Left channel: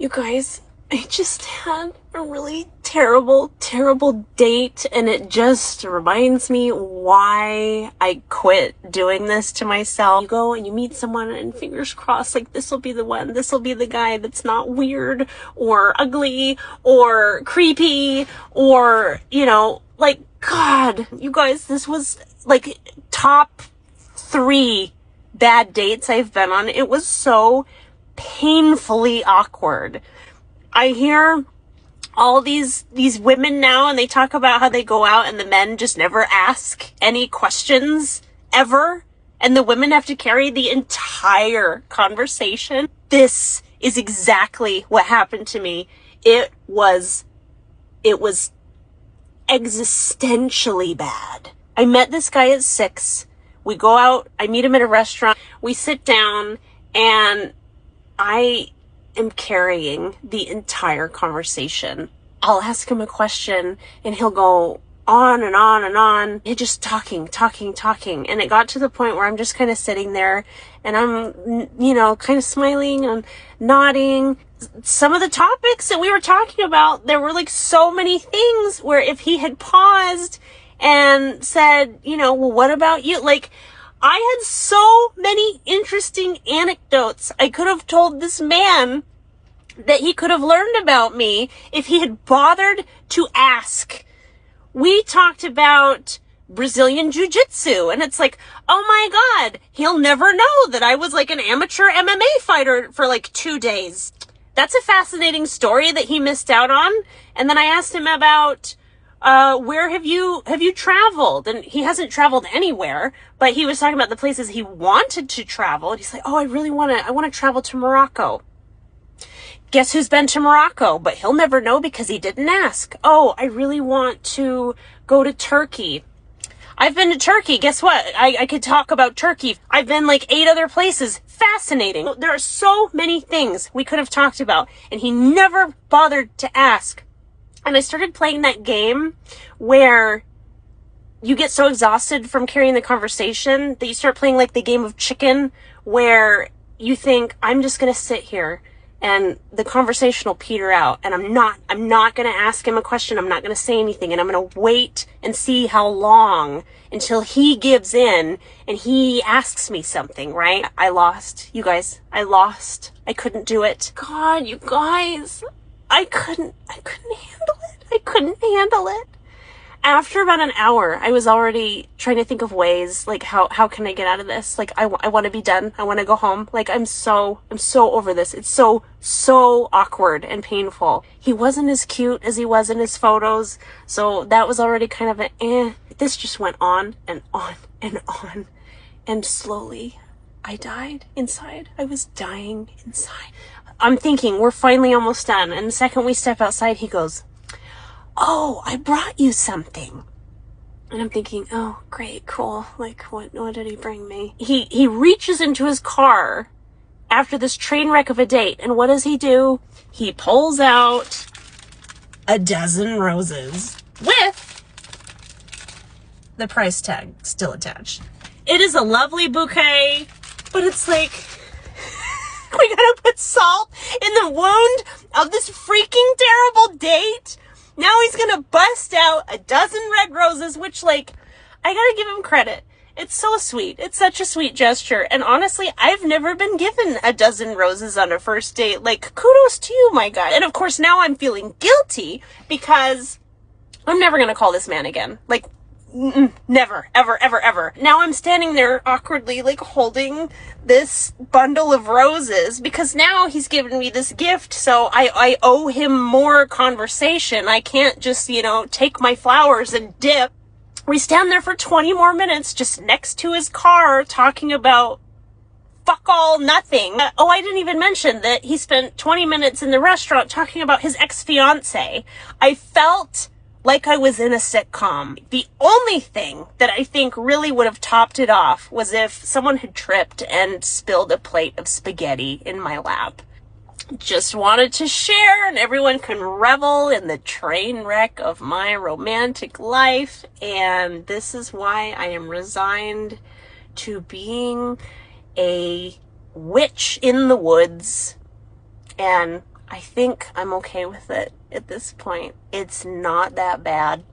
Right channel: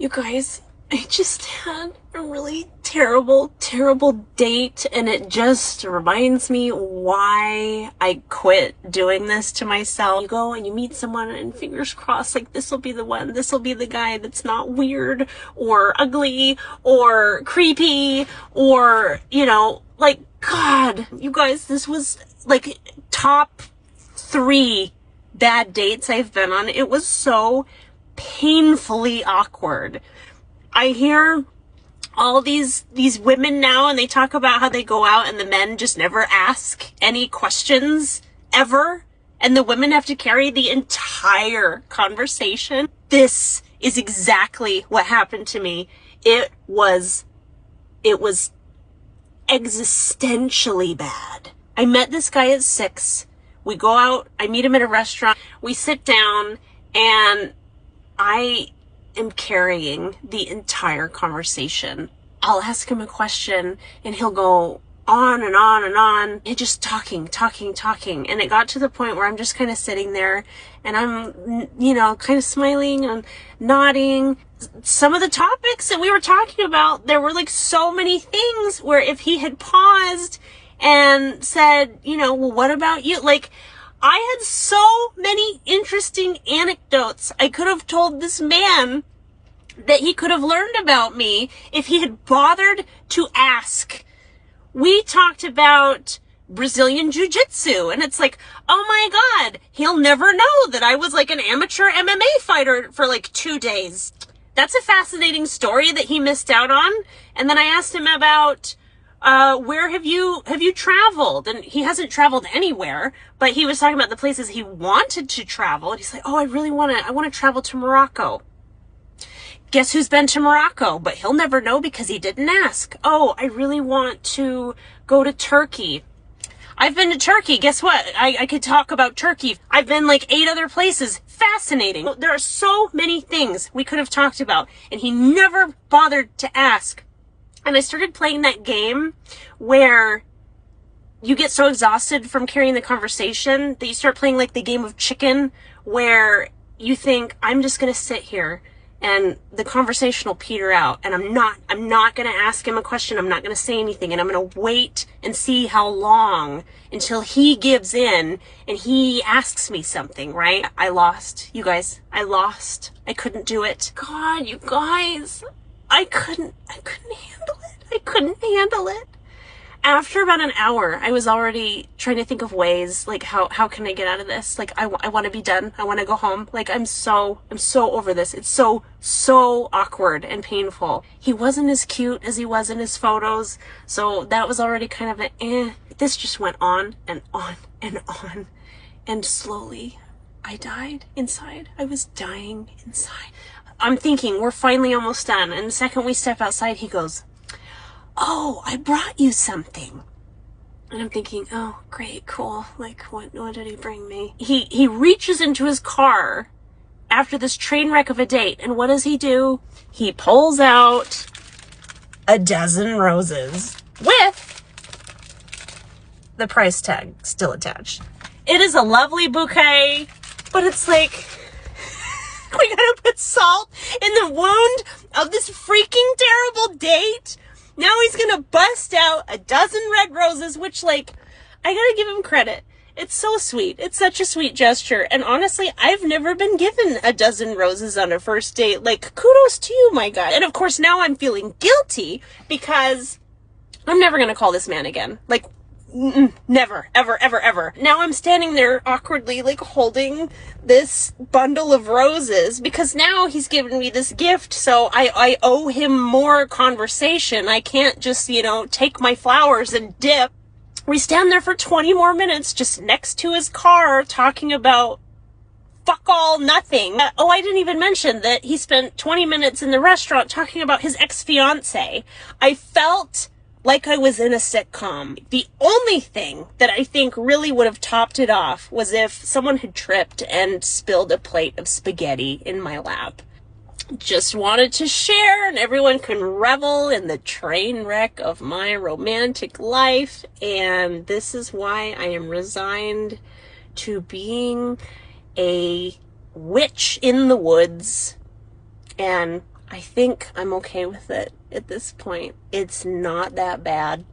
You guys, I just had a really terrible, terrible date, and it just reminds me why I quit doing this to myself. You go and you meet someone, and fingers crossed, like, this will be the one, this will be the guy that's not weird or ugly or creepy or, like, God, you guys, this was like top 3 bad dates I've been on. It was so painfully awkward. I hear all these women now, and they talk about how they go out and the men just never ask any questions ever, and the women have to carry the entire conversation. This is exactly what happened to me. It was existentially bad. I met this guy at 6. We go out, I meet him at a restaurant, we sit down, and I am carrying the entire conversation. I'll ask him a question and he'll go on and on and on. And just talking. And it got to the point where I'm just kind of sitting there and I'm, kind of smiling and nodding. Some of the topics that we were talking about, there were like so many things where if he had paused and said, well, what about you? Like, I had so many interesting anecdotes I could have told this man that he could have learned about me if he had bothered to ask. We talked about Brazilian Jiu-Jitsu, and it's like, oh my God, he'll never know that I was like an amateur MMA fighter for like 2 days. That's a fascinating story that he missed out on. And then I asked him about where have you traveled? And he hasn't traveled anywhere, but he was talking about the places he wanted to travel. And he's like, oh, I want to travel to Morocco. Guess who's been to Morocco? But he'll never know because he didn't ask. Oh, I really want to go to Turkey. I've been to Turkey. Guess what? I could talk about Turkey. I've been like 8 other places. Fascinating. There are so many things we could have talked about, and he never bothered to ask. And I started playing that game where you get so exhausted from carrying the conversation that you start playing like the game of chicken, where you think, I'm just going to sit here and the conversation will peter out, and I'm not going to ask him a question. I'm not going to say anything, and I'm going to wait and see how long until he gives in and he asks me something, right? I lost, you guys. I lost. I couldn't do it. God, you guys, I couldn't handle it. After about an hour, I was already trying to think of ways, like, how can I get out of this? Like, I want to be done. I want to go home. Like, I'm so over this. It's so awkward and painful. He wasn't as cute as he was in his photos, so that was already kind of This just went on and on and on. And slowly, I died inside. I was dying inside. I'm thinking, we're finally almost done. And the second we step outside, he goes, oh, I brought you something. And I'm thinking, oh, great, cool. Like, what did he bring me? He reaches into his car after this train wreck of a date. And what does he do? He pulls out a dozen roses with the price tag still attached. It is a lovely bouquet, but it's like, I gotta put salt in the wound of this freaking terrible date. Now he's gonna bust out a dozen red roses, which, like, I gotta give him credit. It's so sweet. It's such a sweet gesture. And honestly, I've never been given a dozen roses on a first date. Like, kudos to you, my guy. And of course, now I'm feeling guilty because I'm never gonna call this man again. Like, never, ever. Now I'm standing there awkwardly, like, holding this bundle of roses because now he's given me this gift, so I owe him more conversation. I can't just, take my flowers and dip. We stand there for 20 more minutes just next to his car talking about fuck all nothing. Oh, I didn't even mention that he spent 20 minutes in the restaurant talking about his ex-fiance. I felt like I was in a sitcom. The only thing that I think really would have topped it off was if someone had tripped and spilled a plate of spaghetti in my lap. Just wanted to share, and everyone can revel in the train wreck of my romantic life. And this is why I am resigned to being a witch in the woods, and I think I'm okay with it at this point. It's not that bad.